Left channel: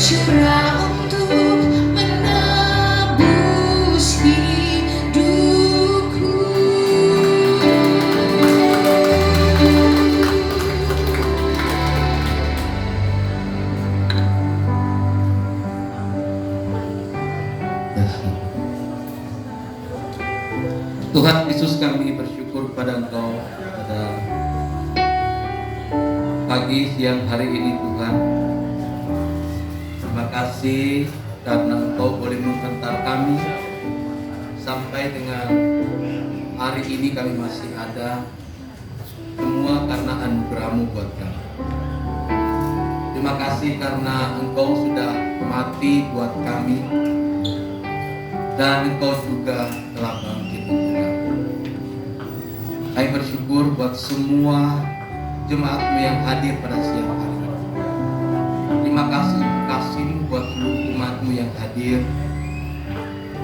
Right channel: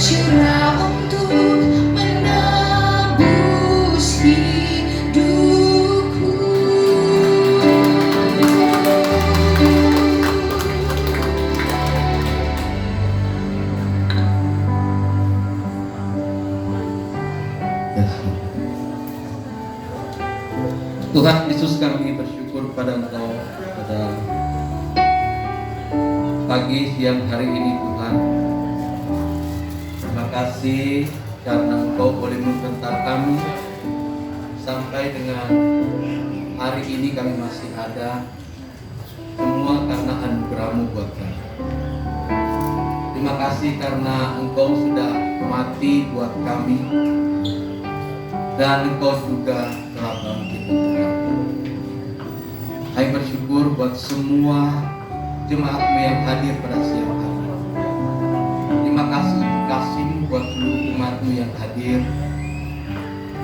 bercurah untuk menebus hidupku. Tuhan Yesus, kami bersyukur pada Engkau pada pagi siang hari ini Tuhan. Terima kasih karena Engkau boleh membentar kami sampai dengan hari ini kami masih ada. Semua karena anugerah-Mu buat kami. Terima kasih karena Engkau sudah mati buat kami dan Engkau juga telah bangkit untuk kami. Kami bersyukur buat semua jemaat-Mu yang hadir pada siang hari ini. Terima kasih untuk kasih-Mu buat seluruh umat-Mu yang hadir.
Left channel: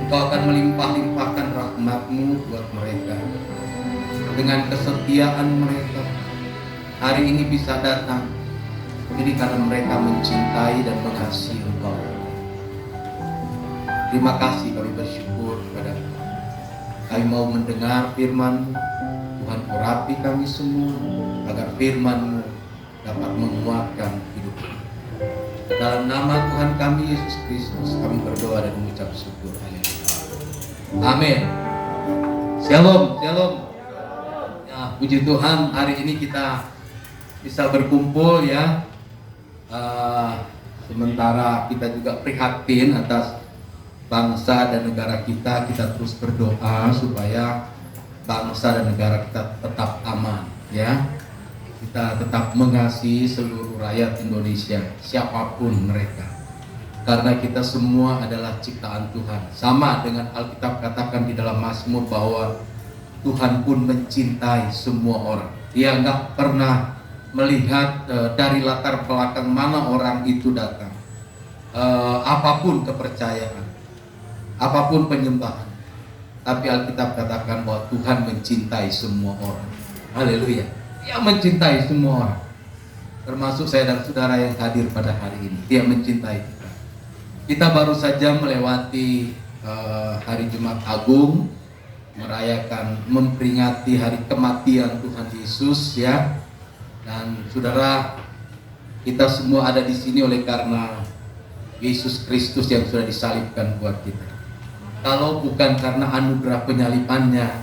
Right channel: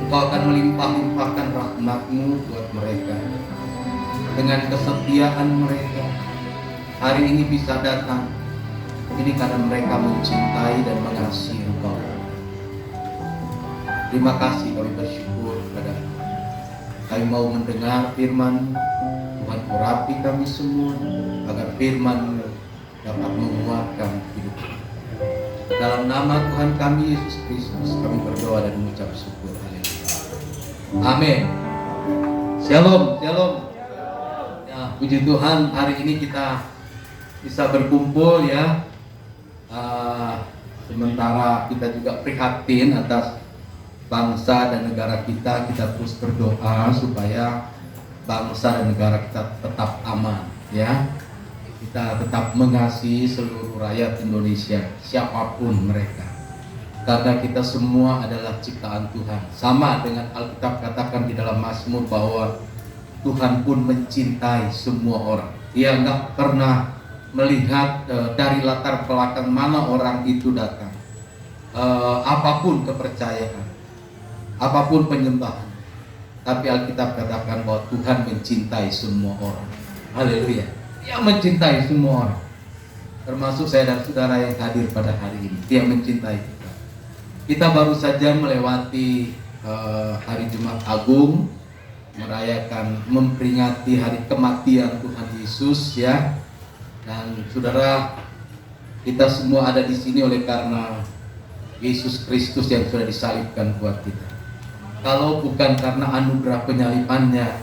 Engkau akan melimpah-limpahkan rahmat-Mu buat mereka. Dengan kesetiaan mereka, hari ini bisa datang. Ini karena mereka mencintai dan mengasihi Engkau. Terima kasih, kami bersyukur pada kami mau mendengar firman Tuhan. Urapi kami semua agar firman-Mu dapat menguatkan hidup kami. Dalam nama Tuhan kami Yesus Kristus kami berdoa dan mengucap syukur. Amin. Shalom, shalom. Ya, puji Tuhan, hari ini kita bisa berkumpul ya. Sementara kita juga prihatin atas bangsa dan negara kita terus berdoa supaya bangsa dan negara kita tetap aman ya. Kita tetap mengasihi seluruh rakyat Indonesia, siapapun mereka, karena kita semua adalah ciptaan Tuhan. Sama dengan Alkitab katakan di dalam Mazmur bahwa Tuhan pun mencintai semua orang. Dia nggak pernah melihat dari latar belakang mana orang itu datang, apapun kepercayaan, apapun penyembahan. Tapi Alkitab katakan bahwa Tuhan mencintai semua orang. Haleluya. Dia mencintai semua orang, termasuk saya dan saudara yang hadir pada hari ini. Dia mencintai kita. Kita baru saja melewati hari Jumat Agung, merayakan, memperingati hari kematian Tuhan Yesus ya. Dan saudara, kita semua ada di sini oleh karena Yesus Kristus yang sudah disalibkan buat kita. Kalau bukan karena anugerah penyalibannya,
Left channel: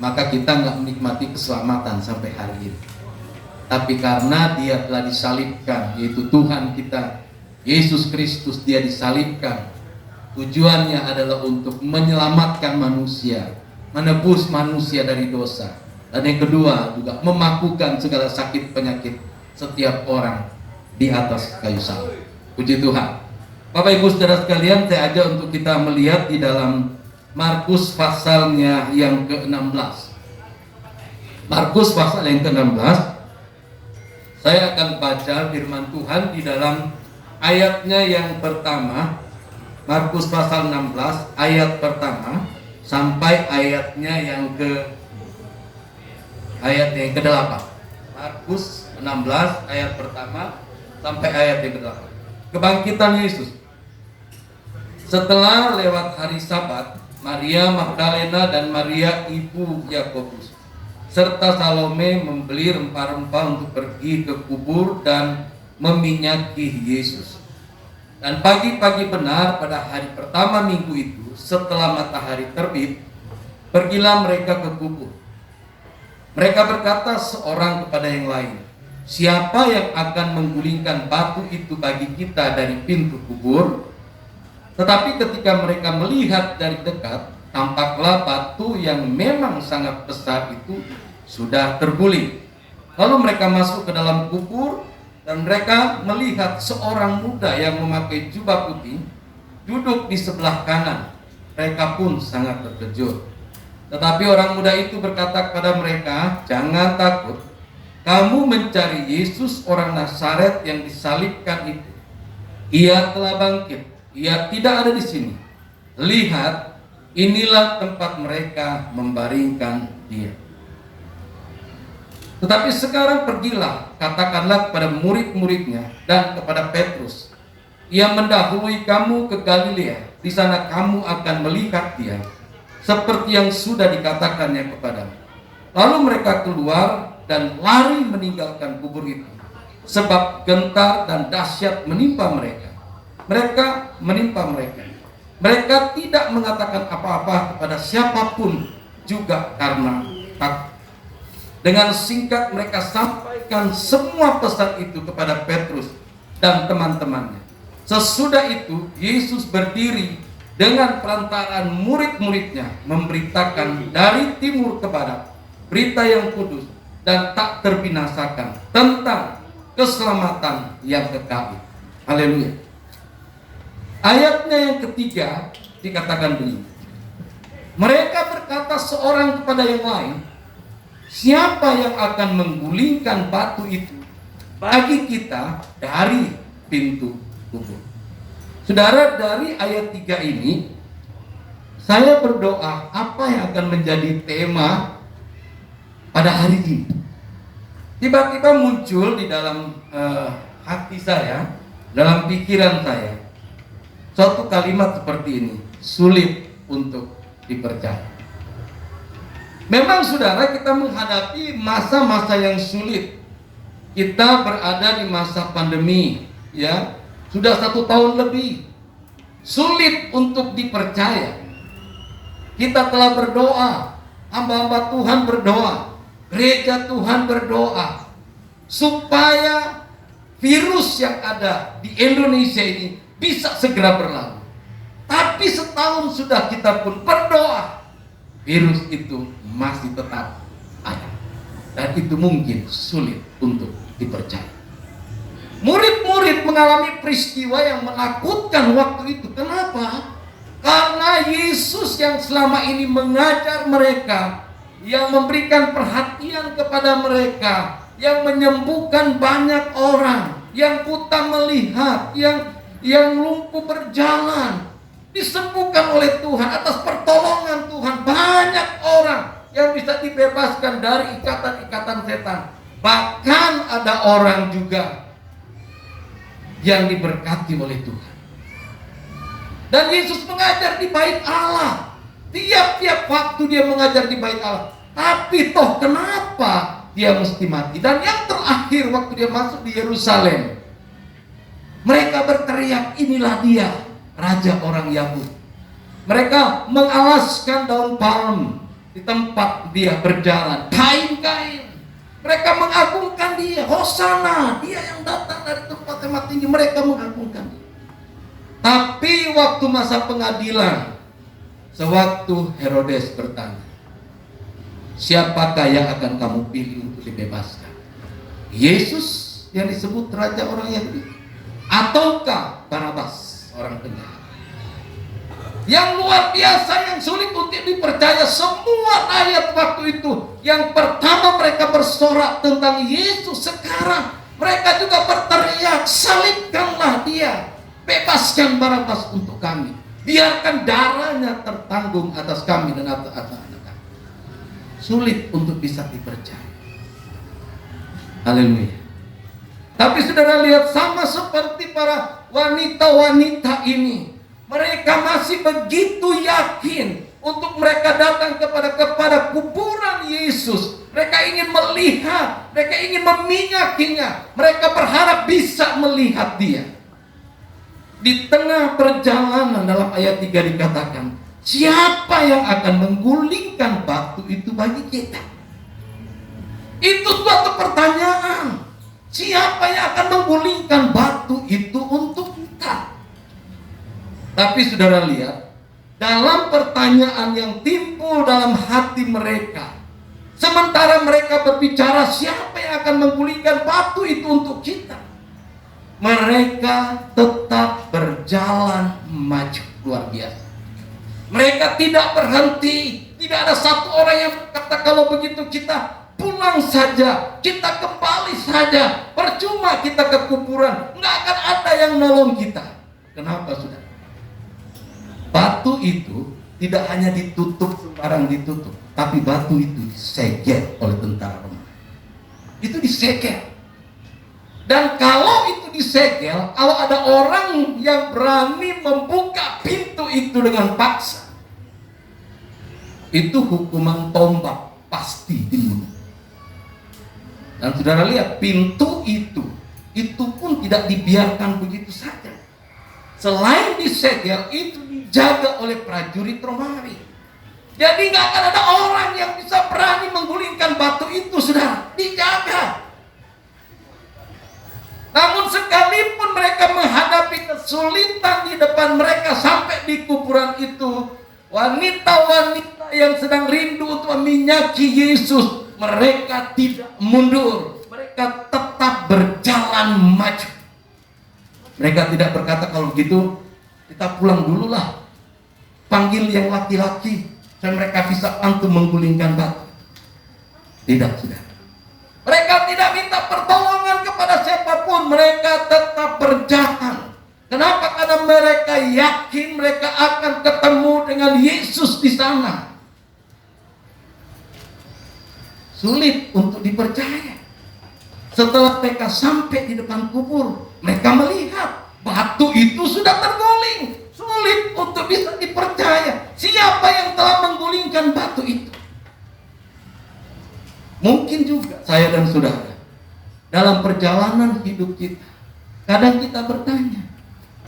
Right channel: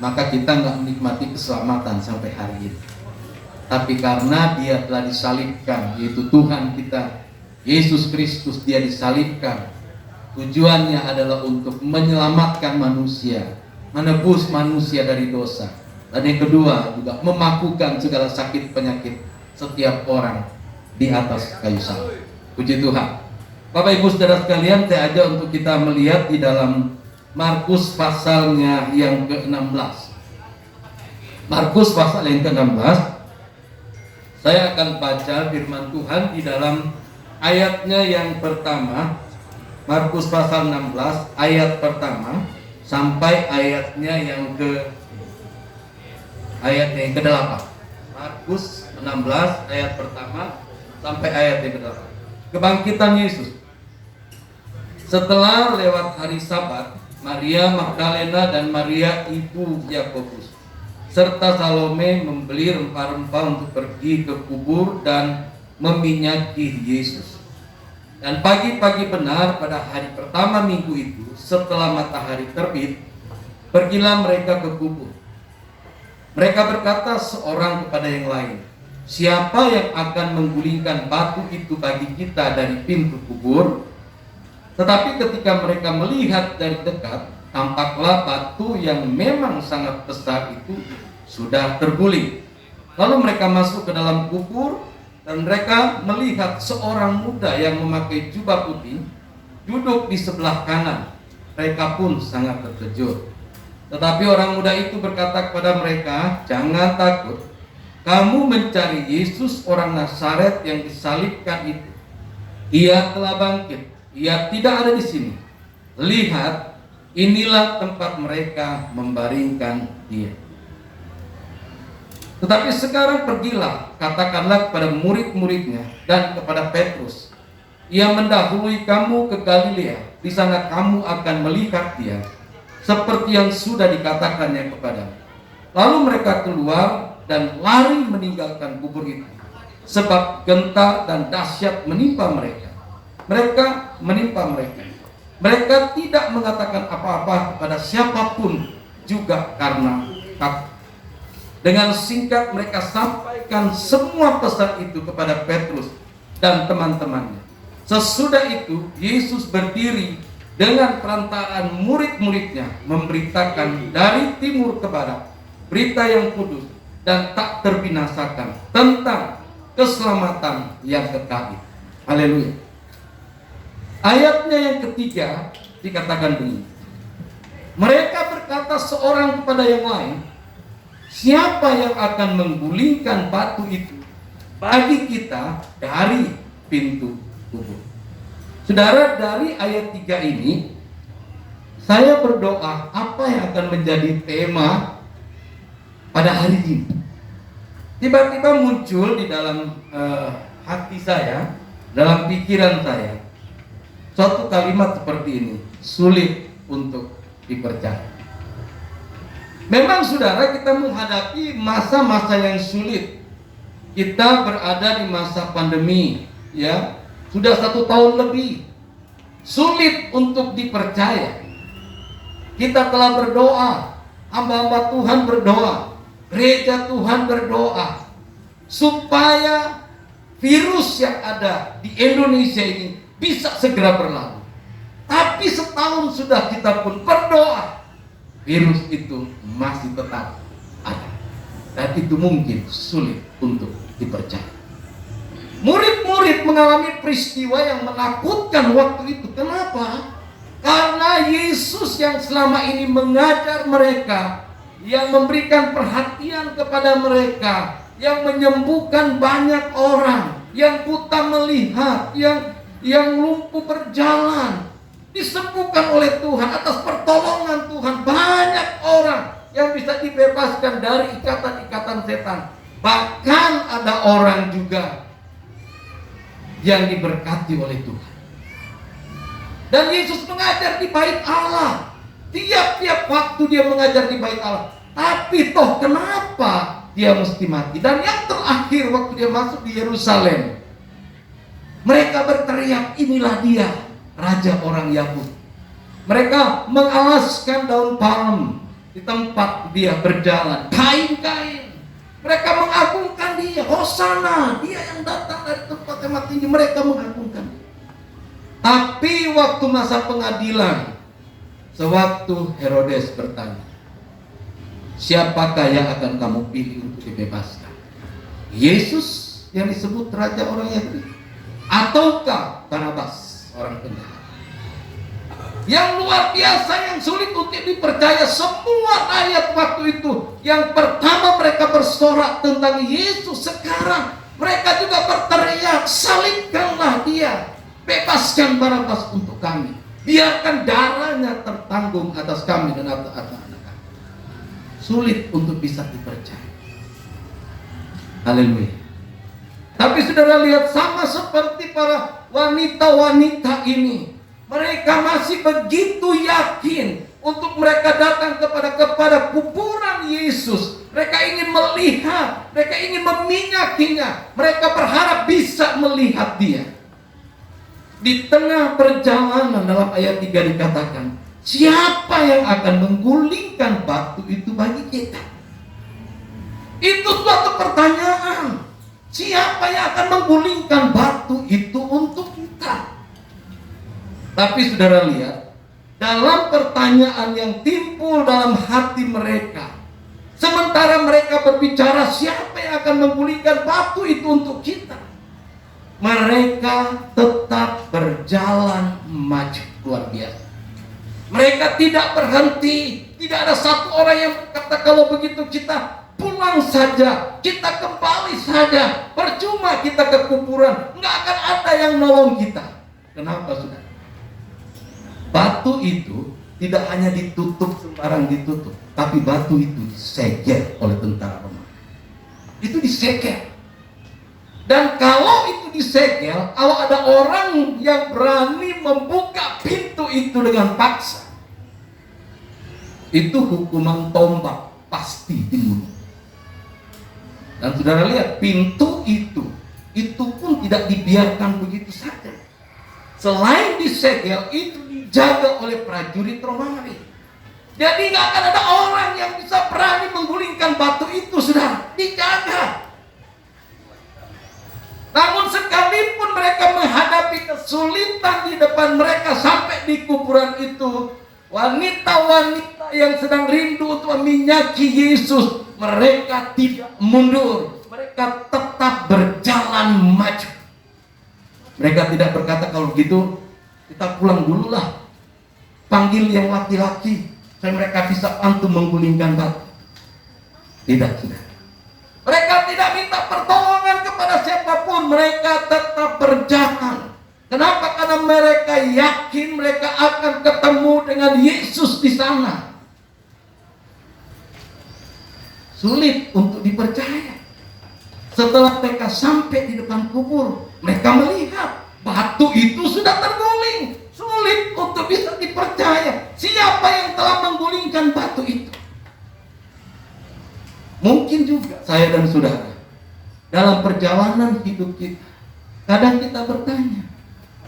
maka kita nggak menikmati keselamatan sampai hari ini. Tapi karena Dia telah disalibkan, yaitu Tuhan kita Yesus Kristus, Dia disalibkan. Tujuannya adalah untuk menyelamatkan manusia, menebus manusia dari dosa. Dan yang kedua juga memakukan segala sakit penyakit setiap orang di atas kayu salib. Puji Tuhan. Bapak Ibu Saudara sekalian, saya ajak untuk kita melihat di dalam Markus pasalnya yang ke-16. Markus pasal yang ke-16. Saya akan baca firman Tuhan di dalam ayatnya yang pertama. Markus pasal 16 ayat pertama sampai ayatnya yang ke-8. Markus 16 ayat pertama sampai ayat yang ke-8. Kebangkitan Yesus. Setelah lewat hari Sabat, Maria Magdalena dan Maria ibu Yakobus serta Salome membeli rempah-rempah untuk pergi ke kubur dan meminyaki Yesus. Dan pagi-pagi benar pada hari pertama minggu itu, setelah matahari terbit, pergilah mereka ke kubur. Mereka berkata seorang kepada yang lain, "Siapa yang akan menggulingkan batu itu bagi kita dari pintu kubur?" Tetapi ketika mereka melihat dari dekat, tampaklah batu yang memang sangat besar itu sudah terguling. Lalu mereka masuk ke dalam kubur dan mereka melihat seorang muda yang memakai jubah putih duduk di sebelah kanan. Mereka pun sangat terkejut. Tetapi orang muda itu berkata kepada mereka, "Jangan takut. Kamu mencari Yesus orang Nazaret yang disalibkan itu. Ia telah bangkit. Ia tidak ada di sini. Lihat, inilah tempat mereka membaringkan Dia. Tetapi sekarang pergilah, katakanlah kepada murid-muridnya dan kepada Petrus Ia mendahului kamu ke Galilea. Di sana kamu akan melihat dia, seperti yang sudah dikatakannya kepadamu. Lalu mereka keluar dan lari meninggalkan kubur itu, sebab gentar dan dahsyat menimpa mereka. Mereka tidak mengatakan apa-apa kepada siapapun, juga karena takut. Dengan singkat mereka sampaikan semua pesan itu kepada Petrus dan teman-temannya. Sesudah itu Yesus berdiri dengan perantaraan murid-muridnya, memberitakan dari timur ke barat berita yang kudus dan tak terbinasakan tentang keselamatan yang kekal. Haleluya. Ayatnya yang ketiga dikatakan begini. Mereka berkata seorang kepada yang lain, siapa yang akan menggulingkan batu itu bagi kita dari pintu kubur? Saudara, dari ayat 3 ini saya berdoa apa yang akan menjadi tema pada hari ini. Tiba-tiba muncul di dalam hati saya, dalam pikiran saya, suatu kalimat seperti ini: sulit untuk dipercaya. Memang saudara, kita menghadapi masa-masa yang sulit. Kita berada di masa pandemi, ya, sudah 1 tahun lebih. Sulit untuk dipercaya. Kita telah berdoa, hamba-hamba Tuhan berdoa, gereja Tuhan berdoa, supaya virus yang ada di Indonesia ini bisa segera berlalu. Tapi setahun sudah kita pun berdoa, virus itu masih tetap ada. Dan itu mungkin sulit untuk dipercaya. Murid-murid mengalami peristiwa yang menakutkan waktu itu. Kenapa? Karena Yesus yang selama ini mengajar mereka, yang memberikan perhatian kepada mereka, yang menyembuhkan banyak orang, yang buta melihat, yang lumpuh berjalan, disembuhkan oleh Tuhan atas pertolongan Tuhan. Banyak orang yang bisa dibebaskan dari ikatan-ikatan setan. Bahkan ada orang juga yang diberkati oleh Tuhan. Dan Yesus mengajar di bait Allah. Tiap-tiap waktu dia mengajar di bait Allah. Tapi toh kenapa dia mesti mati? Dan yang terakhir waktu dia masuk di Yerusalem, mereka berteriak, inilah dia, Raja orang Yahudi. Mereka mengalaskan daun palem di tempat dia berjalan, kain-kain. Mereka mengagungkan dia, Hosana, dia yang datang dari tempat yang tinggi. Mereka mengagungkan dia. Tapi waktu masa pengadilan, sewaktu Herodes bertanya, siapakah yang akan kamu pilih untuk dibebaskan? Yesus yang disebut Raja orang Yahudi, ataukah Barabas orang penjahat? Yang luar biasa, yang sulit untuk dipercaya, semua ayat waktu itu, yang pertama mereka bersorak tentang Yesus, sekarang mereka juga berteriak, salibkanlah dia, bebaskan Barabas untuk kami, biarkan darahnya tertanggung atas kami dan atas anak kami. Sulit untuk bisa dipercaya. Haleluya. Tapi saudara lihat, sama seperti para wanita-wanita ini, mereka masih begitu yakin untuk mereka datang kepada kuburan Yesus. Mereka ingin melihat, mereka ingin meminyakinya, mereka berharap bisa melihat dia. Di tengah perjalanan dalam ayat 3 dikatakan, siapa yang akan menggulingkan batu itu bagi kita? Itu suatu pertanyaan. Siapa yang akan menggulingkan batu itu untuk kita? Tapi saudara lihat, dalam pertanyaan yang timbul dalam hati mereka, sementara mereka berbicara siapa yang akan menggulingkan batu itu untuk kita, mereka tetap berjalan maju. Luar biasa. Mereka tidak berhenti. Tidak ada satu orang yang berkata, kalau begitu kita pulang saja, kita kembali saja, percuma kita ke kuburan, nggak akan ada yang nolong kita. Kenapa saudara? Batu itu tidak hanya ditutup sembarang ditutup, tapi batu itu disegel oleh tentara Romawi. Itu disegel. Dan kalau itu disegel, kalau ada orang yang berani membuka pintu itu dengan paksa, itu hukuman tombak, pasti dibunuh. Dan saudara lihat, pintu itu pun tidak dibiarkan begitu saja. Selain disegel, itu dijaga oleh prajurit Romawi. Jadi nggak akan ada orang yang bisa berani menggulingkan batu itu, saudara. Dijaga. Namun sekalipun mereka menghadapi kesulitan di depan mereka sampai di kuburan itu, wanita-wanita yang sedang rindu untuk meminyaki Yesus, mereka tidak mundur. Mereka tetap berjalan maju. Mereka tidak berkata, kalau begitu kita pulang dulu lah. Panggil yang laki-laki, supaya mereka bisa bantu menggulingkan batu. Tidak, sudah. Mereka tidak minta pertolongan kepada siapapun. Mereka tetap berjalan. Kenapa? Karena mereka yakin mereka akan ketemu dengan Yesus di sana. Sulit untuk dipercaya. Setelah mereka sampai di depan kubur, mereka melihat batu itu sudah terguling. Sulit untuk bisa dipercaya. Siapa yang telah menggulingkan batu itu? Mungkin juga saya dan saudara, dalam perjalanan hidup kita, kadang kita bertanya,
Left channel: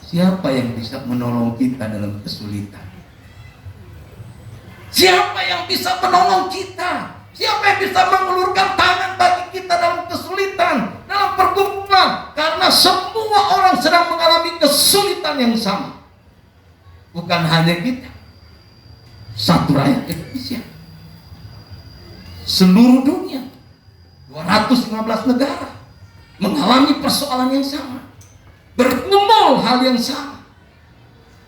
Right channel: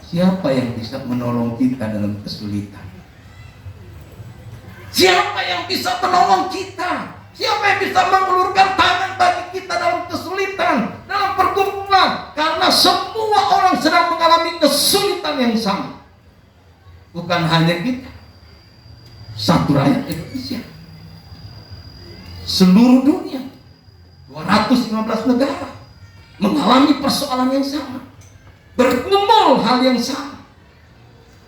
siapa yang bisa menolong kita dalam kesulitan? Siapa yang bisa menolong kita? Siapa yang bisa mengulurkan tangan bagi kita dalam kesulitan, dalam pergumulan? Karena semua orang sedang mengalami kesulitan yang sama. Bukan hanya kita, satu rakyat Indonesia, seluruh dunia, 215 negara mengalami persoalan yang sama, bergumul hal yang sama,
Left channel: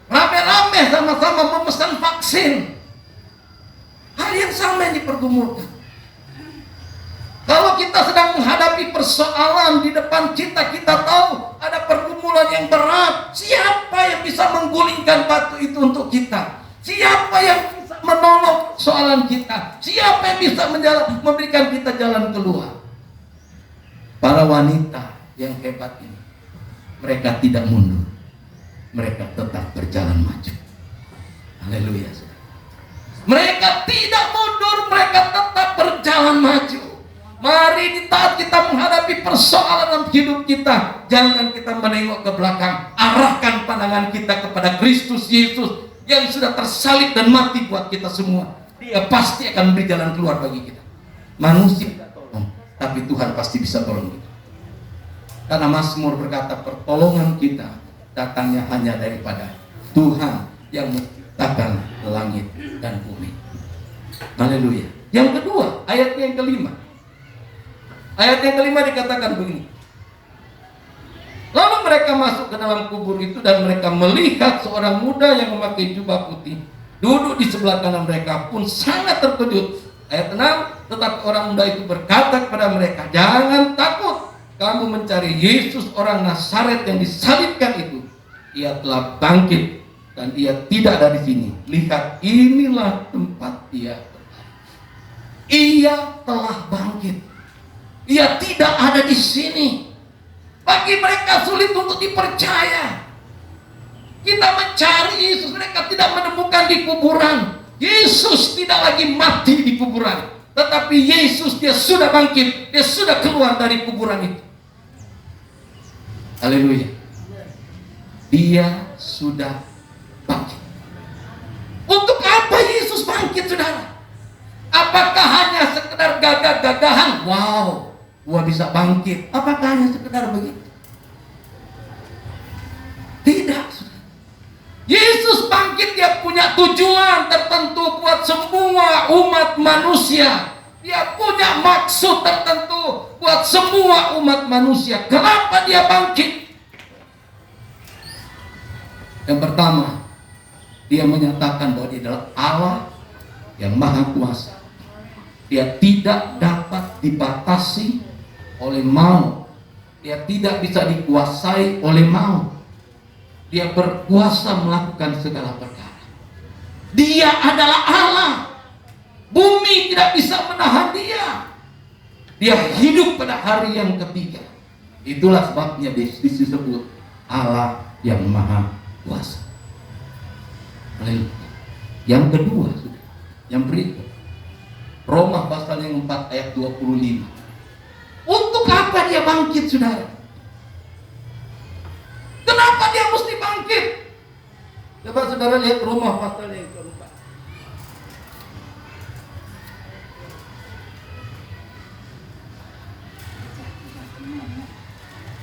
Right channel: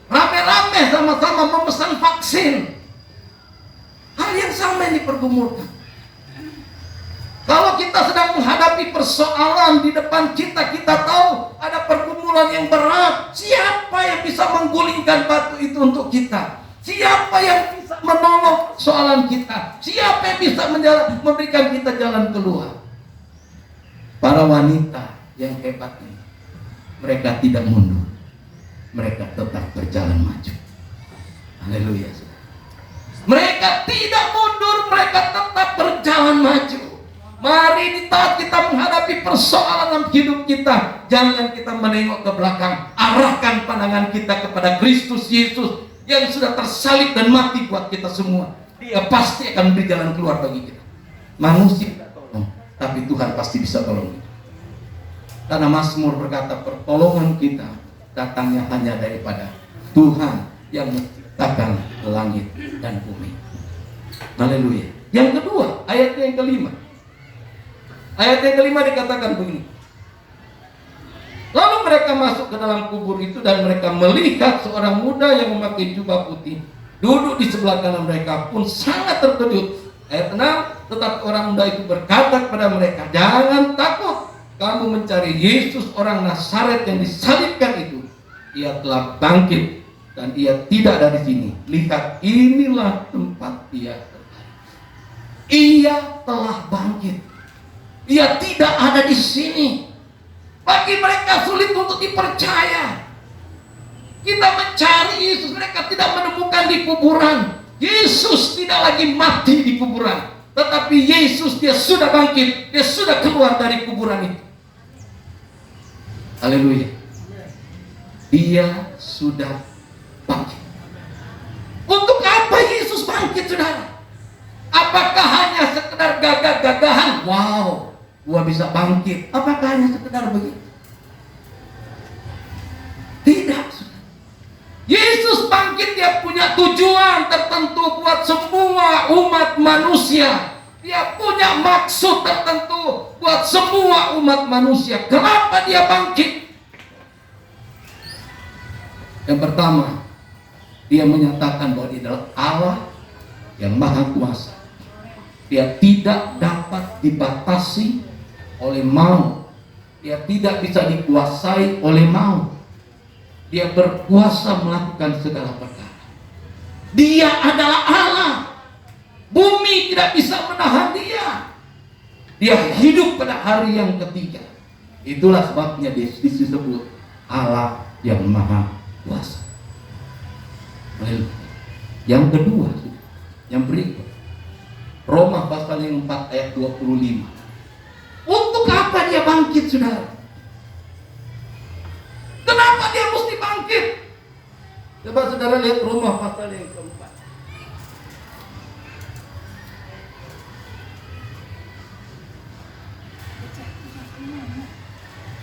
rame-rame sama-sama memesan vaksin. Hal yang sama yang dipergumulkan. Kalau kita sedang menghadapi persoalan di depan kita, kita tahu ada pergumulan yang berat. Siapa yang bisa menggulingkan batu itu untuk kita? Siapa yang bisa menolong persoalan kita? Siapa yang bisa memberikan kita jalan keluar? Para wanita yang hebat ini, mereka tidak mundur. Mereka tetap berjalan maju. Haleluya. Mereka tidak mundur, mereka tetap berjalan maju. Mari di saat kita menghadapi persoalan dalam hidup kita, jangan kita menengok ke belakang. Arahkan pandangan kita kepada Kristus Yesus yang sudah tersalib dan mati buat kita semua. Dia pasti akan beri jalan keluar bagi kita. Manusia tidak tolong, tapi Tuhan pasti bisa tolong kita. Karena Mazmur berkata, pertolongan kita datangnya hanya daripada Tuhan yang menciptakan langit dan bumi. Haleluya. Yang kedua, ayat yang kelima. Ayat yang kelima dikatakan begini. Lalu mereka masuk ke dalam kubur itu dan mereka melihat seorang muda yang memakai jubah putih duduk di sebelah kanan mereka, pun sangat terkejut. Ayat 6, tetapi orang muda itu berkata kepada mereka, jangan takut, kamu mencari Yesus orang Nazaret yang disalibkan itu. Ia telah bangkit dan ia tidak ada di sini. Lihat, inilah tempat dia. Ia telah bangkit. Ia tidak ada di sini. Bagi mereka sulit untuk dipercaya. Kita mencari Yesus, mereka tidak menemukan di kuburan. Yesus tidak lagi mati di kuburan, tetapi Yesus, dia sudah bangkit. Dia sudah keluar dari kuburan itu. Haleluya. Dia sudah bangkit. Untuk apa Yesus bangkit, saudara? Apakah hanya sekedar gagah-gagahan? Wow, gua bisa bangkit. Apakah hanya sekedar begitu? Tidak. Yesus bangkit, dia punya tujuan tertentu buat semua umat manusia. Dia punya maksud tertentu buat semua umat manusia. Kenapa dia bangkit? Yang pertama, dia menyatakan bahwa dia adalah Allah yang maha kuasa. Dia tidak dapat dibatasi oleh maut. Dia tidak bisa dikuasai oleh maut. Dia berkuasa melakukan segala perkara. Dia adalah Allah. Bumi tidak bisa menahan dia. Dia hidup pada hari yang ketiga. Itulah sebabnya disebut Allah yang Maha Kuasa. Yang kedua, yang berikut, Roma pasal yang 4 ayat 25. Untuk apa dia bangkit, saudara? Kenapa dia mesti bangkit? Coba saudara lihat Roma pasal yang keempat.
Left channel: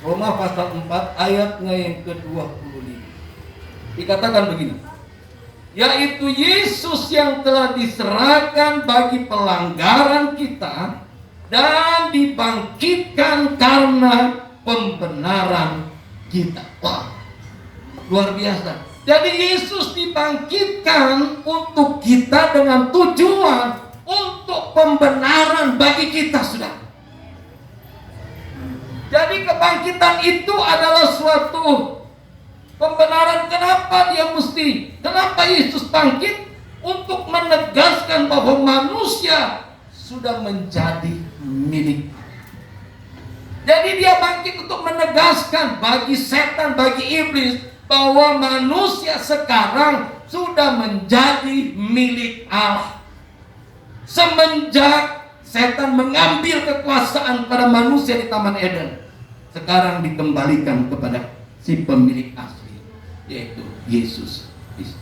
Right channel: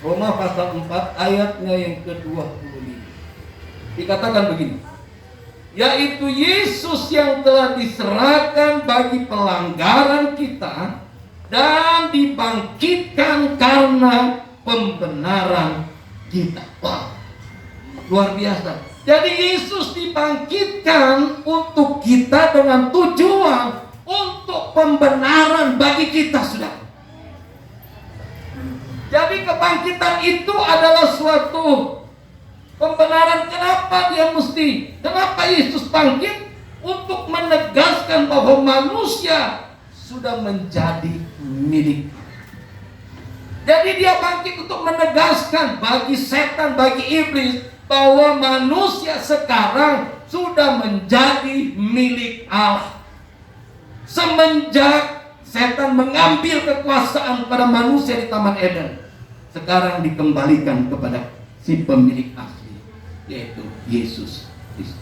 Roma pasal 4 ayatnya yang ke-25. Dikatakan begini, yaitu Yesus yang telah diserahkan bagi pelanggaran kita dan dibangkitkan karena pembenaran kita. Wah, luar biasa. Jadi Yesus dibangkitkan untuk kita dengan tujuan untuk pembenaran bagi kita, saudara. Jadi kebangkitan itu adalah suatu pembenaran. Kenapa Yesus bangkit? Untuk menegaskan bahwa manusia sudah menjadi milik. Jadi dia bangkit untuk menegaskan bagi setan, bagi iblis, bahwa manusia sekarang sudah menjadi milik Allah. Semenjak setan mengambil kekuasaan pada manusia di Taman Eden, sekarang dikembalikan kepada si pemilik asli, yaitu Yesus Kristus.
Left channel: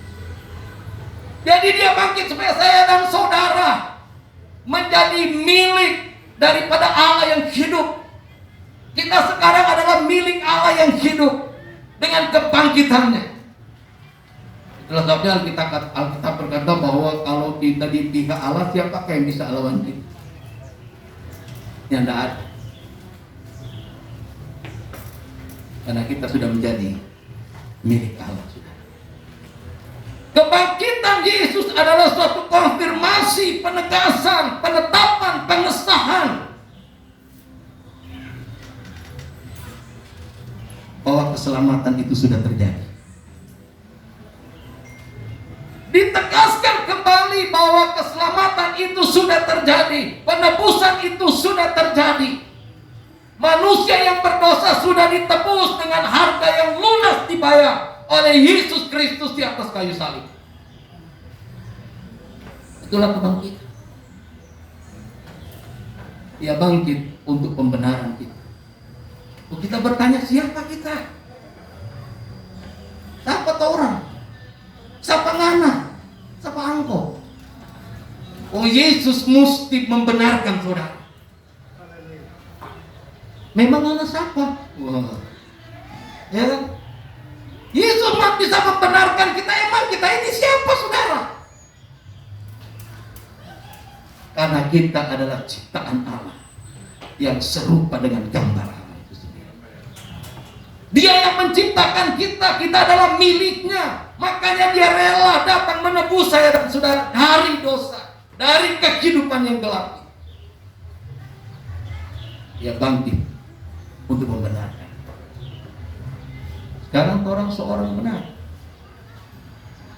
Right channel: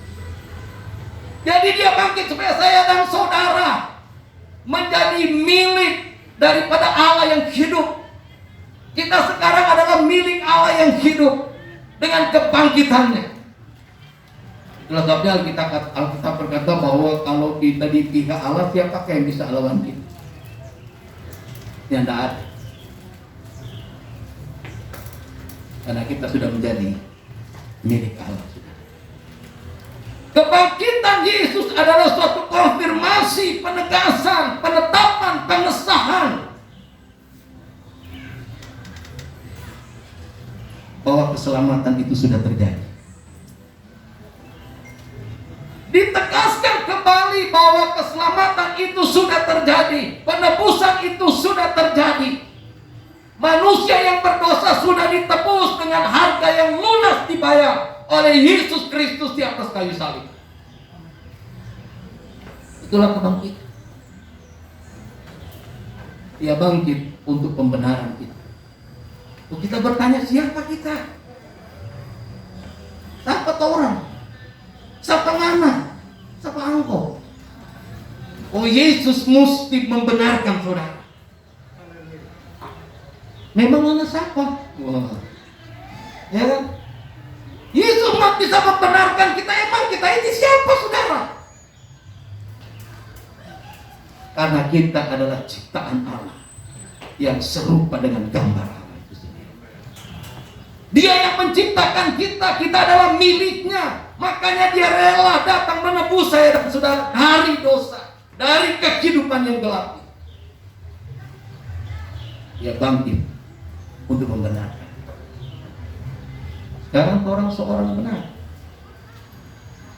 Jadi dia bangkit supaya saya dan saudara menjadi milik daripada Allah yang hidup. Kita sekarang adalah milik Allah yang hidup dengan kebangkitannya. Itulah sebabnya Alkitab berkata bahwa kalau kita di pihak Allah, siapa yang bisa lawan kita? Yang tidak ada. Karena kita sudah menjadi milik Allah. Kebangkitan Yesus adalah suatu konfirmasi, penegasan, penetapan, pengesahan bahwa keselamatan itu sudah terjadi. Ditegaskan kembali bahwa keselamatan itu sudah terjadi, penebusan itu sudah terjadi. Manusia yang berdosa sudah ditebus dengan harga yang lunas dibayar oleh Yesus Kristus di atas kayu salib. Itulah kebangkitan. Dia bangkit untuk pembenaran kita. Kita bertanya, siapa kita? Siapa orang? Siapa Nana? Siapa engkau? Oh, Yesus mesti membenarkan saudara. Memang anak siapa? Wah. Ya kan? Yesus bisa membenarkan kita. Emang kita ini siapa, saudara? Karena kita adalah ciptaan Allah yang serupa dengan gambar Allah itu sendiri. Dia yang menciptakan kita, kita adalah miliknya. Makanya dia rela datang menebus saya dan saudara dari dosa, dari kehidupan yang gelap. Dia bangkit untuk membenarkan. Sekarang orang seorang benar.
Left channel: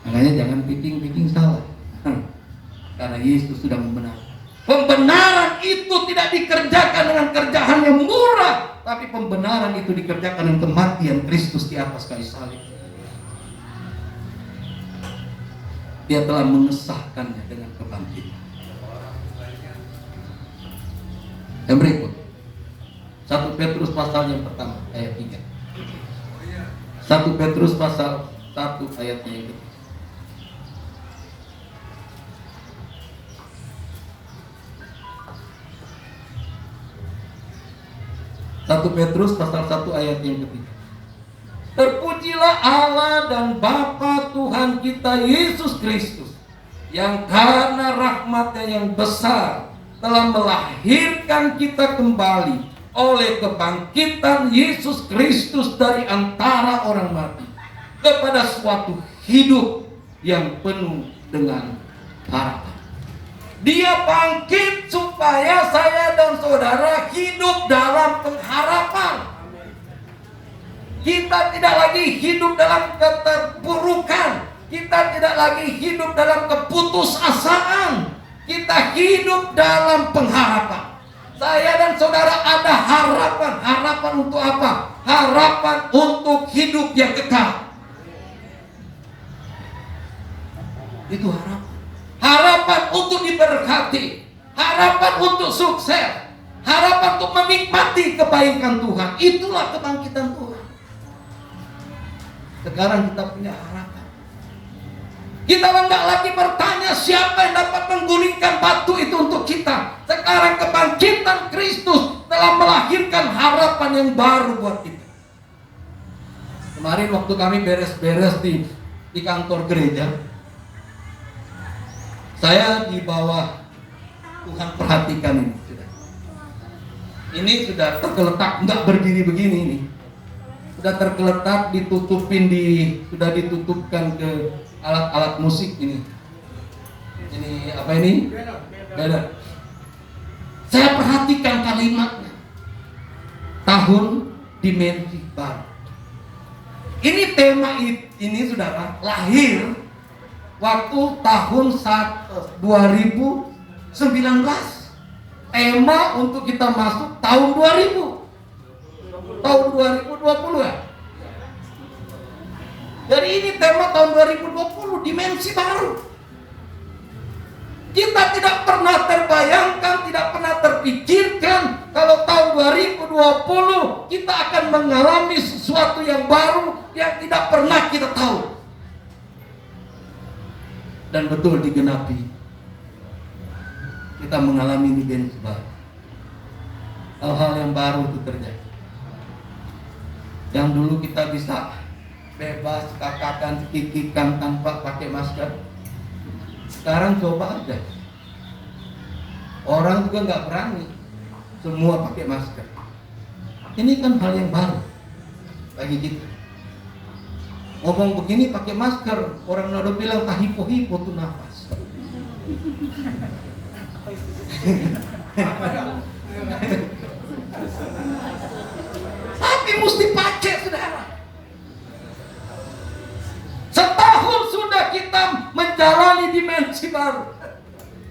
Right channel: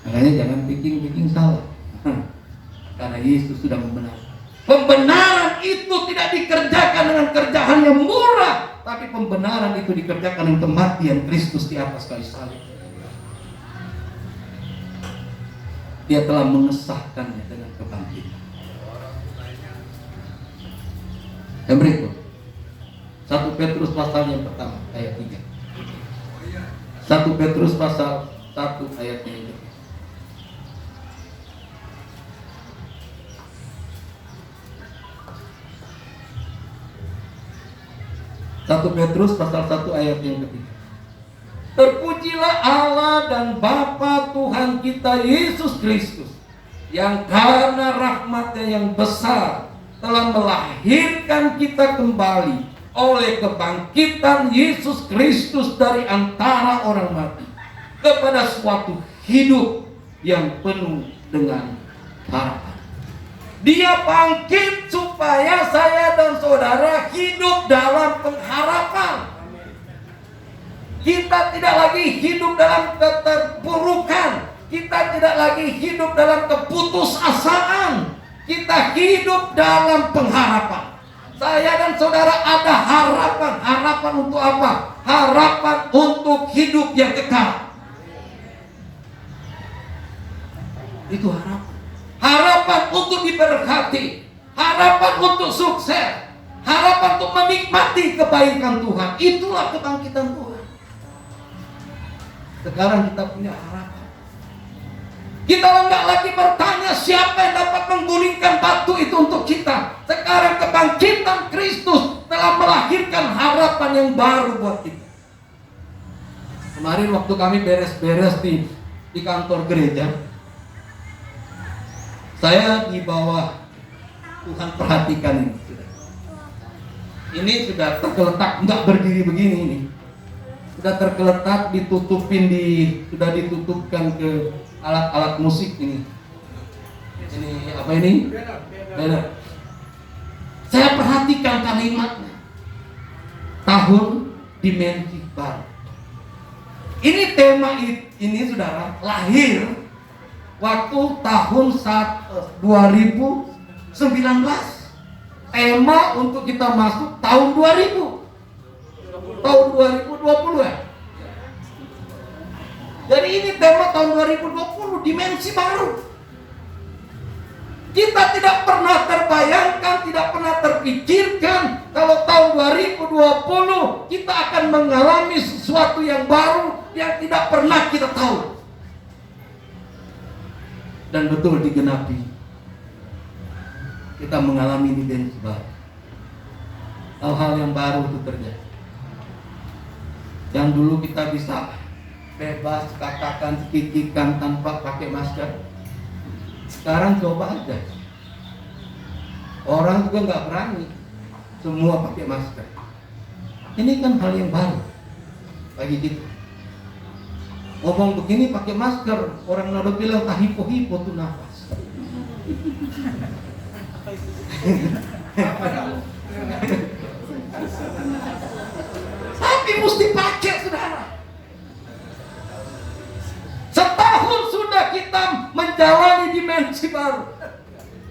Makanya jangan pikir salah. Karena Yesus sudah membenarkan. Pembenaran itu tidak dikerjakan dengan kerjaan yang murah, tapi pembenaran itu dikerjakan dengan kematian Kristus di atas kayu salib. Dia telah mengesahkannya dengan kebangkitan. Yang berikut, 1 Petrus pasal yang pertama ayat 3. 1 Petrus pasal 1 ayatnya ini. 1 Petrus pasal 1 ayat yang ketiga. Terpujilah Allah dan Bapa Tuhan kita Yesus Kristus, yang karena rahmat-Nya yang besar telah melahirkan kita kembali oleh kebangkitan Yesus Kristus dari antara orang mati kepada suatu hidup yang penuh dengan harapan. Dia bangkit supaya saya dan saudara hidup dalam pengharapan. Kita tidak lagi hidup dalam keterpurukan. Kita tidak lagi hidup dalam keputusasaan. Kita hidup dalam pengharapan. saya dan saudara ada harapan. Harapan untuk apa? Harapan untuk hidup yang kekal. Itu harapan. Harapan untuk diberkati. Harapan untuk sukses. Harapan untuk menikmati kebaikan Tuhan. Itulah kebangkitan Tuhan. Sekarang kita punya harapan. Kita enggak lagi bertanya siapa yang dapat menggulingkan batu itu untuk kita. Sekarang kebangkitan Kristus telah melahirkan harapan yang baru buat kita. Kemarin waktu kami beres-beres di kantor gereja, saya di bawah, Tuhan perhatikan ini. Ini sudah tergeletak, enggak berdiri begini ini. Sudah tergeletak, sudah ditutupkan ke alat-alat musik ini. Ini apa ini? Banner. Saya perhatikan kalimatnya. Tahun dimensi baru. Ini tema ini saudara lahir waktu tahun 2019. Tema untuk kita masuk tahun 2000. Tahun 2020 ya. Jadi ini tema tahun 2020, dimensi baru. Kita tidak pernah terbayangkan, tidak pernah terpikirkan kalau tahun 2020 kita akan mengalami sesuatu yang baru yang tidak pernah kita tahu. Dan betul digenapi. Kita mengalami dimensi baru. Hal-hal yang baru itu terjadi. Yang dulu kita bisa bebas katakan, kikikkan tanpa pakai masker. Sekarang coba aja. Orang juga nggak berani. Semua pakai masker. Ini kan hal yang baru bagi kita. Ngomong begini pakai masker, orang udah bilang tak hipo-hipo tuh nafas. Tapi mesti pakai, saudara. Setahun sudah kita menjalani dimensi baru.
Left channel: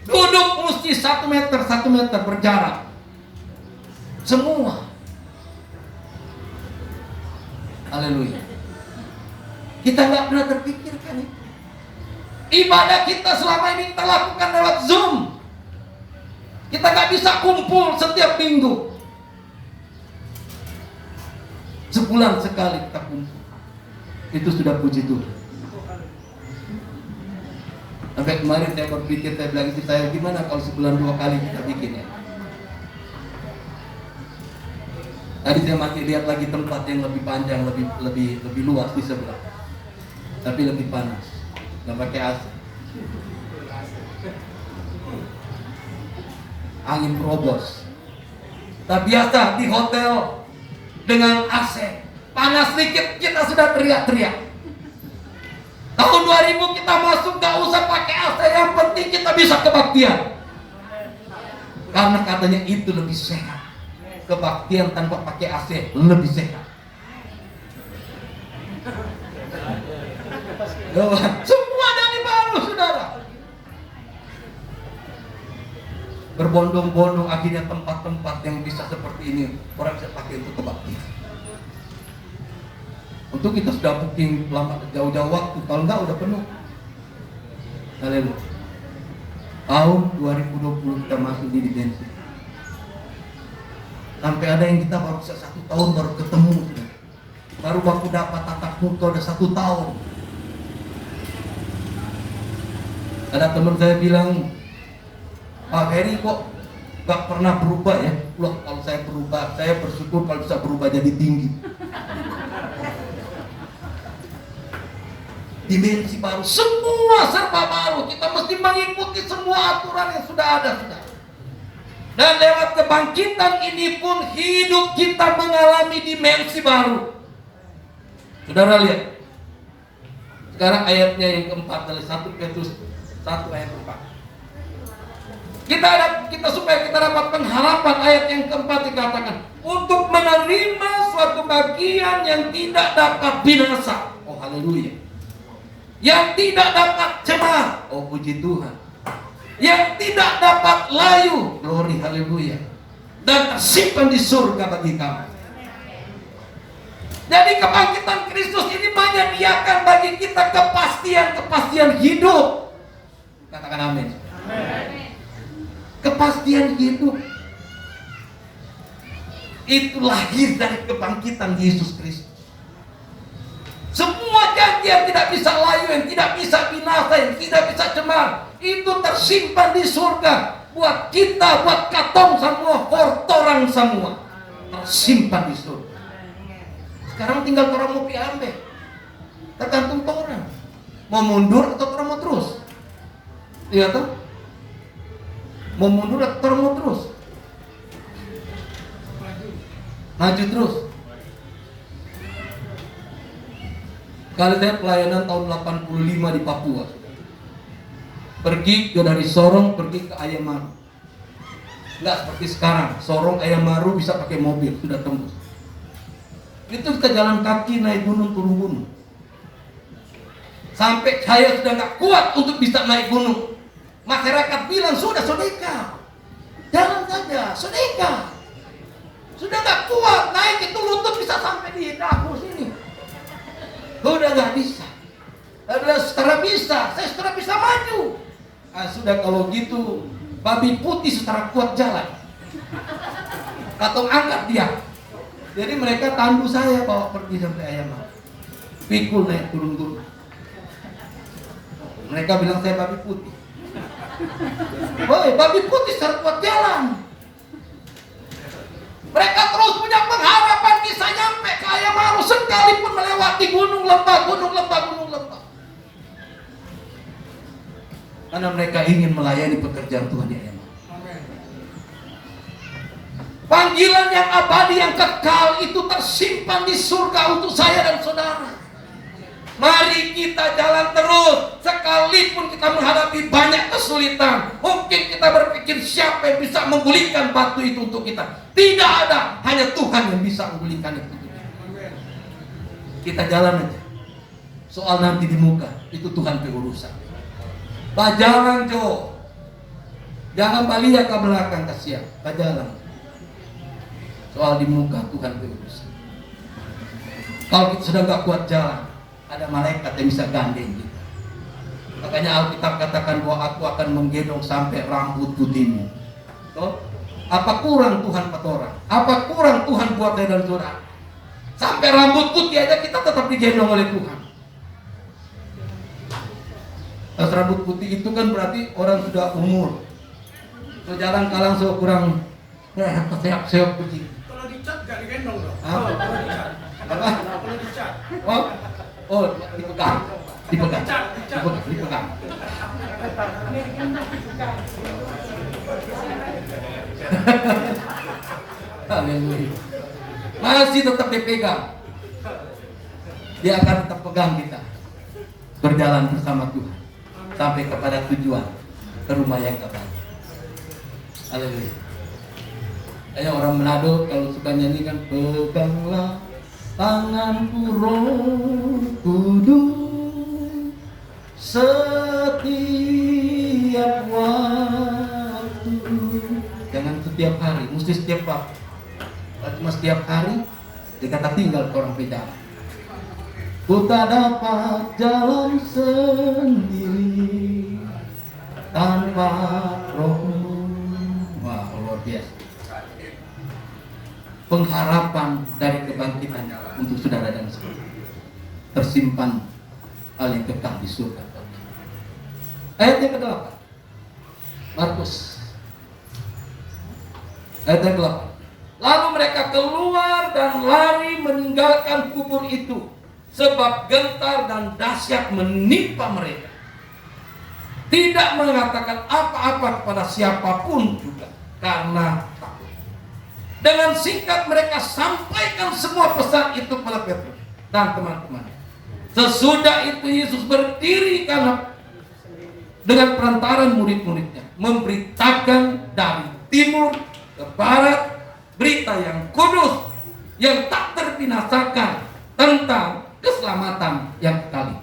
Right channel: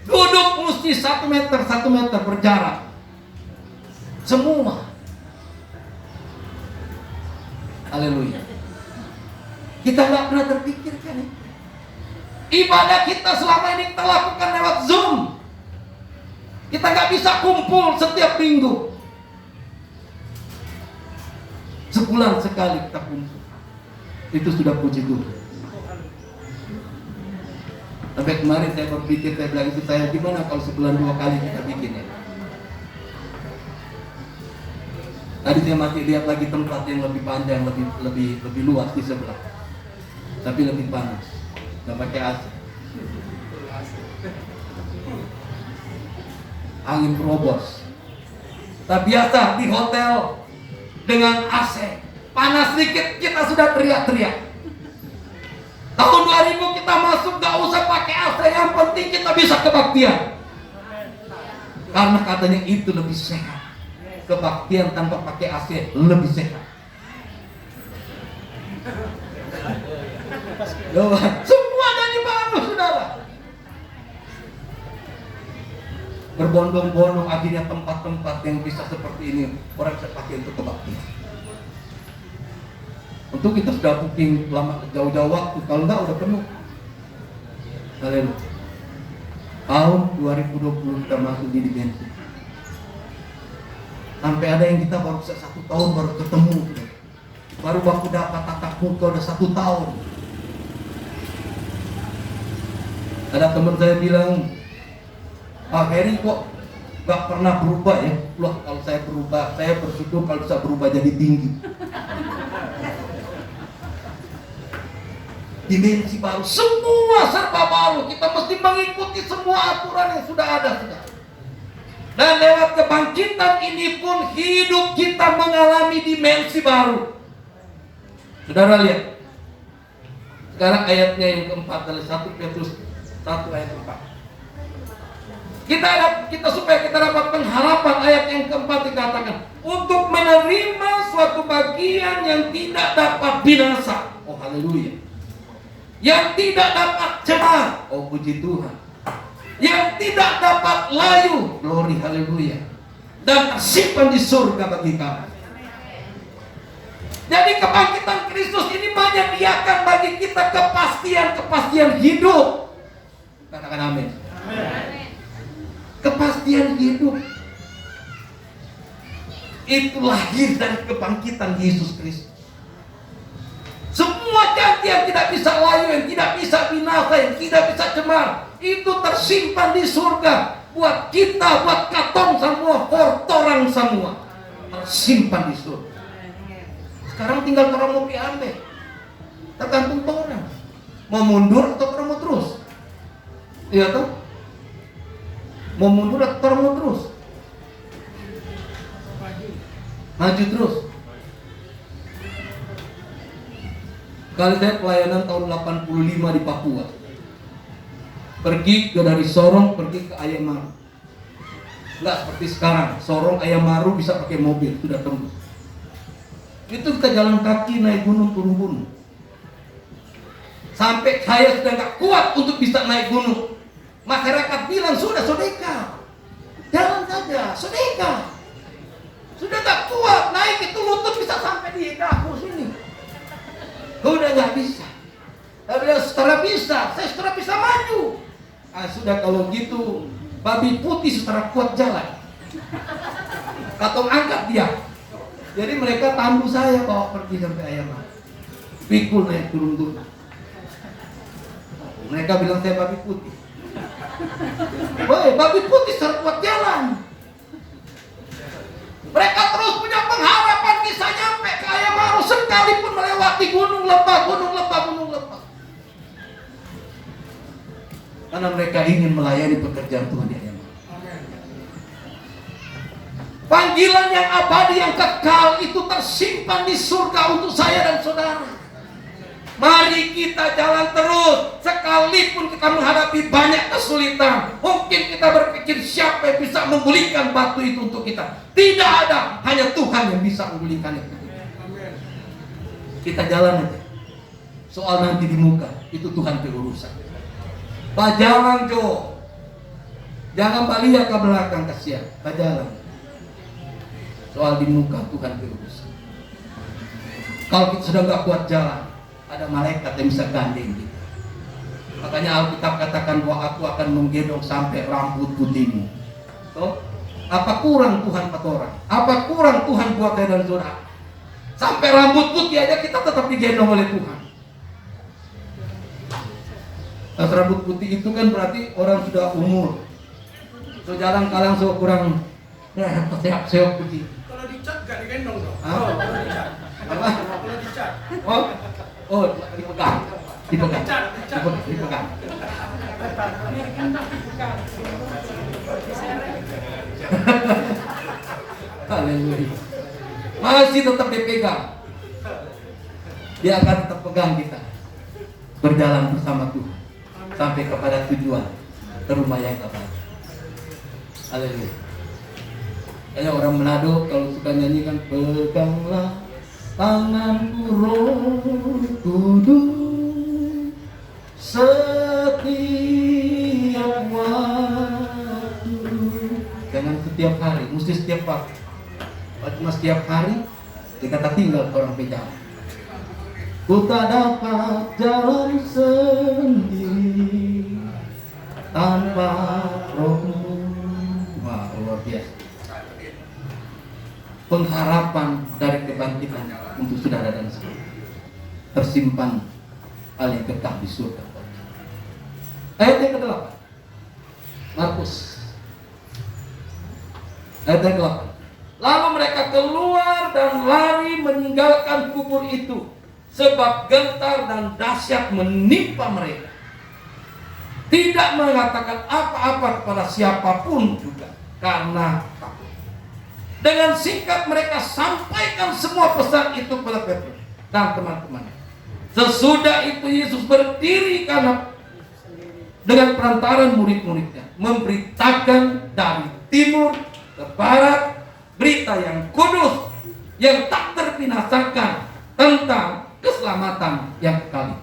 Duduk mesti 1 meter berjarak. Semua. Haleluya. Kita nggak pernah terpikirkan ini. Ibadah kita selama ini kita lakukan lewat Zoom. Kita nggak bisa kumpul setiap minggu. Sebulan sekali kita kumpul. Itu sudah puji Tuhan. Sampai kemarin saya berpikir, saya bilang istri saya, gimana kalau sebulan 2 kali kita bikin ya? Tadi saya masih lihat lagi tempat yang lebih panjang, lebih luas di sebelah, tapi lebih panas, nggak pakai AC. Angin terobos. Tak biasa di hotel dengan AC, panas sedikit kita sudah teriak-teriak. Tahun 2000 kita masuk gak usah pakai AC, yang penting kita bisa kebaktian. Karena katanya itu lebih sehat. Kebaktian tanpa pakai AC lebih sehat. Semua dari baru, saudara. Berbondong-bondong akhirnya tempat-tempat yang bisa seperti ini orang bisa pakai untuk kebaktian. Untuk kita sudah booking lama jauh-jauh waktu, kalau enggak udah penuh. Haleluya. Tahun 2020 kita masuk di dimensi. Sampai ada yang kita baru 1 tahun baru ketemu, baru baku dapat tatap muka udah 1 tahun. Ada teman saya bilang, Pak Ferry kok gak pernah berubah ya? Loh, kalau saya berubah, saya bersyukur kalau bisa berubah jadi tinggi. Dimensi baru, semua serba baru. Kita mesti mengikuti semua aturan yang sudah ada, saudara. Dan lewat kebangkitan ini pun hidup kita mengalami dimensi baru. Saudara lihat. Sekarang ayatnya yang keempat dari 1 Petrus 1 ayat 4. Kita supaya kita dapatkan harapan, ayat yang keempat dikatakan untuk menerima suatu bagian yang tidak dapat binasa. Oh haleluya. Yang tidak dapat cemar, oh puji Tuhan. Yang tidak dapat layu, glory haleluya. dan tersimpan di surga bagi kami. Jadi kebangkitan Kristus ini menyediakan bagi kita kepastian hidup. Katakan amin. Kepastian hidup itu lahir dari kebangkitan Yesus Kristus. Semua janji yang tidak bisa layu, yang tidak bisa binasa, yang tidak bisa cemar, itu tersimpan di surga. Buat kita, buat katong semua, hortorang semua, tersimpan di surga. Sekarang tinggal orang mau diambil, tergantung orang mau mundur atau orang mau terus. Iya toh? Mau mundur atau orang mau terus? Maju terus. Kali saya pelayanan tahun 85 di Papua, pergi dari Sorong pergi ke Ayamaru. Nggak seperti sekarang, Sorong Ayamaru bisa pakai mobil, sudah tembus. Itu kita jalan kaki naik gunung turun gunung. Sampai saya sudah nggak kuat untuk bisa naik gunung. Masyarakat bilang sudah sedekah, jalan saja sedekah. Sudah nggak kuat naik itu lutut bisa sampai di dagu sini. Sudah nggak bisa. Sekarang bisa, saya sudah bisa maju. Sudah kalau gitu, babi putih secara kuat jalan. Katong angkat dia. Jadi mereka tandu saya bawa pergi sampai Ayamaru. Pikul naik turun. Mereka bilang saya babi putih. Woi, babi putih secara kuat jalan. Mereka terus punya pengharapan bisa nyampe ke Ayamaru sekalipun melewati gunung lembah. Karena mereka ingin melayani pekerjaan Tuhan di Ayamaru. Panggilan yang abadi, yang kekal itu tersimpan di surga untuk saya dan saudara. Mari kita jalan terus. Sekalipun kita menghadapi banyak kesulitan, mungkin kita berpikir siapa yang bisa menggulingkan batu itu untuk kita. Tidak ada, hanya Tuhan yang bisa menggulingkan itu. Kita jalan aja. Soal nanti di muka, itu Tuhan berurusan. Bajalan Jo. Jangan balik ke belakang, kasihan. Bajalan. Soal di muka Tuhan berurusan. Kalau kita sudah gak kuat jalan, ada malaikat yang bisa gandeng kita. Makanya Alkitab katakan bahwa aku akan menggendong sampai rambut putihmu. Toh? Apa kurang Tuhan buat orang? Apa kurang Tuhan buat saya dan saudara? Sampai rambut putih aja kita tetap digendong oleh Tuhan. Pas rambut putih itu kan berarti orang sudah umur. So jarang kalang so kurang seok begitu. Kalau dicat gak digendong dong. Hah? Kalau dicat. Apa? Kalau dicat. Oh, dipegang. Dipegang. Haleluya. Masih tetap dipegang. Dia akan tetap pegang kita. Berjalan bersama Tuhan sampai kepada tujuan, ke rumah yang kekal. Haleluya. Kayak orang Manado kalau suka nyanyi kan, peganglah tanganku Roh Kudus setiap waktu. Jangan setiap hari, mesti setiap waktu. Kalau cuma setiap hari, dikata tinggal ke orang beda. Ku tak dapat jalan sendiri tanpa Roh-Mu. Wah, luar biasa. Pengharapan dari kebangkitan untuk saudara dan saya tersimpan paling kekal di surga. Ayat yang ke-8, Markus ayat yang ke-8. Lalu mereka keluar dan lari meninggalkan kubur itu, sebab gentar dan dahsyat menimpa mereka. Tidak mengatakan apa-apa kepada siapapun juga karena takut. Dengan singkat mereka sampaikan semua pesan itu kepada Petrus dan teman-teman. Sesudah itu Yesus berdiri dengan perantaran murid-muridnya, memberitakan dari timur ke barat berita yang kudus, yang tak terbinasakan tentang keselamatan yang kekal.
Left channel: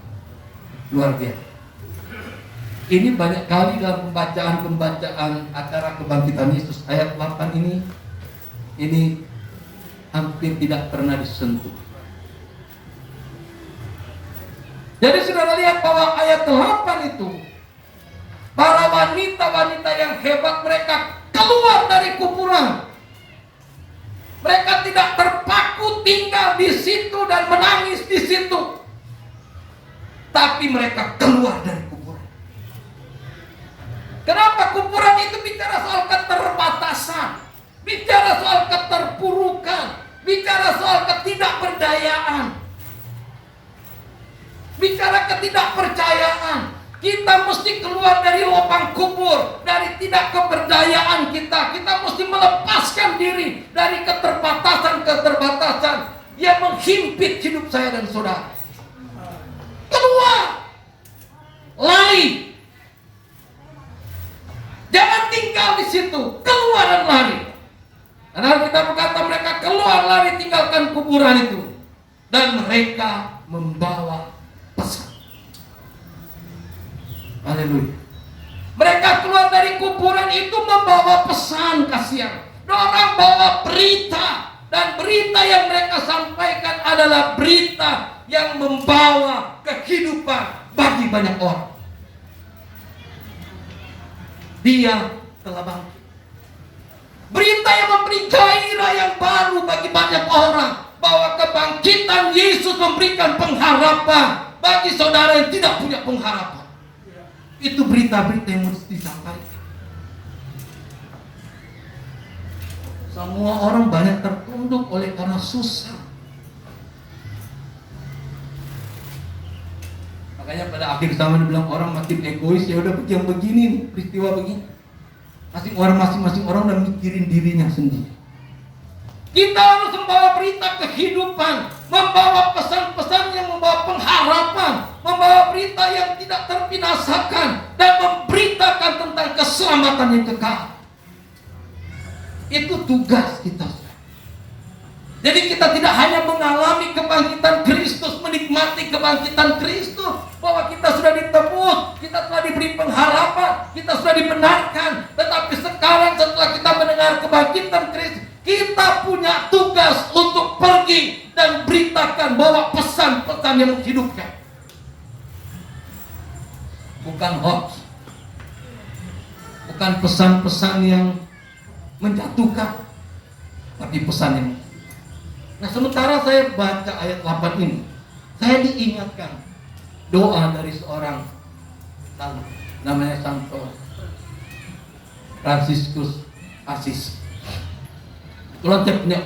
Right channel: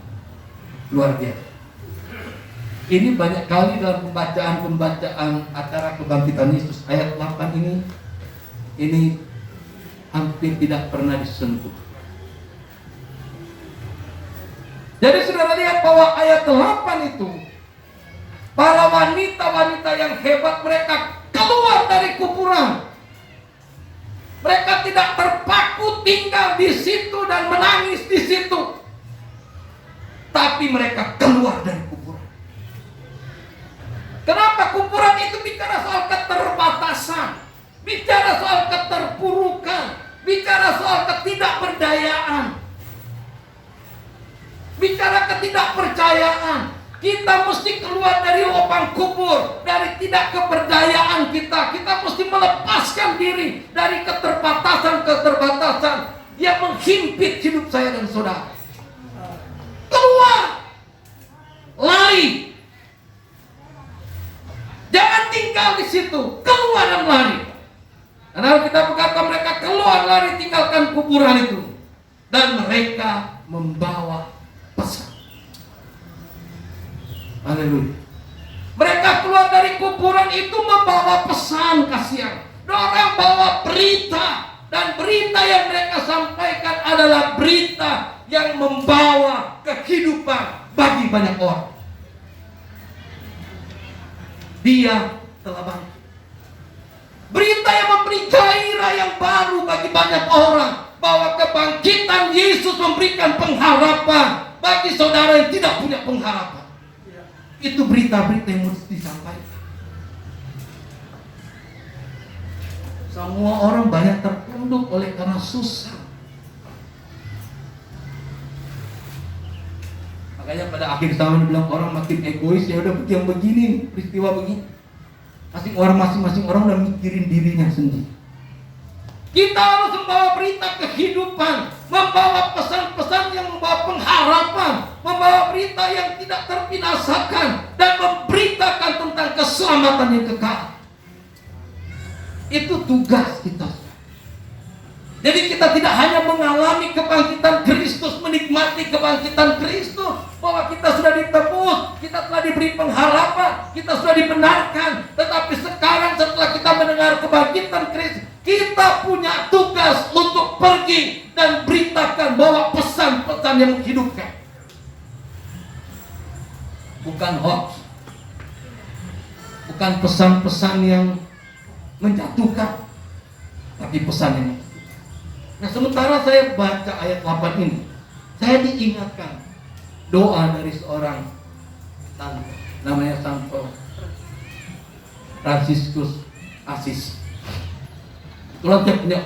Luar biasa. Ini banyak kali dalam pembacaan acara kebangkitan Yesus ayat 8 ini ini hampir tidak pernah disentuh. Jadi saudara lihat bahwa ayat 8 itu, para wanita-wanita yang hebat mereka keluar dari kuburan. Mereka tidak terpaku tinggal di situ dan menangis di situ, tapi mereka keluar dari kuburan. Kenapa? Kuburan itu bicara soal keterbatasan, bicara soal keterpurukan, bicara soal ketidakberdayaan, bicara ketidakpercayaan. Kita mesti keluar dari lubang kubur, dari tidak keberdayaan kita. Kita mesti melepaskan diri dari keterbatasan-keterbatasan yang menghimpit hidup saya dan saudara. Keluar, lari. Jangan tinggal di situ, keluar dan lari. Karena kita berkata mereka keluar lari tinggalkan kuburan itu, dan mereka membawa pesan. Haleluya. Mereka keluar dari kuburan itu membawa pesan kasihan. Orang bawa berita, dan berita yang mereka sampaikan adalah berita yang membawa kehidupan bagi banyak orang. Dia telah bangkit. Berita yang memberi gairah yang baru bagi banyak orang, bahwa kebangkitan Yesus memberikan pengharapan bagi saudara yang tidak punya pengharapan. Itu berita-berita yang mesti disampaikan. Semua orang banyak tertunduk oleh karena susah. Makanya pada akhir zaman bilang orang makin egois, ya udah yang begini nih, peristiwa begini. Masing-masing orang udah mikirin dirinya sendiri. Kita harus membawa berita kehidupan, membawa pesan-pesan yang membawa pengharapan, membawa berita yang tidak terbinasakan, dan memberitakan tentang keselamatan yang kekal. Itu tugas kita. Jadi kita tidak hanya mengalami kebangkitan Kristus, menikmati kebangkitan Kristus, bahwa kita sudah ditebus, kita telah diberi pengharapan, kita sudah dibenarkan. Tetapi sekarang setelah kita mendengar kebangkitan Kristus, kita punya tugas untuk pergi dan beritakan bahwa pesan-pesan yang menghidupkan. Bukan hoax, bukan pesan-pesan yang menjatuhkan, tapi pesan yang. Nah, sementara saya baca ayat 8 ini, saya diingatkan doa dari seorang santo, namanya Santo Fransiskus Asis. Kalau saya punya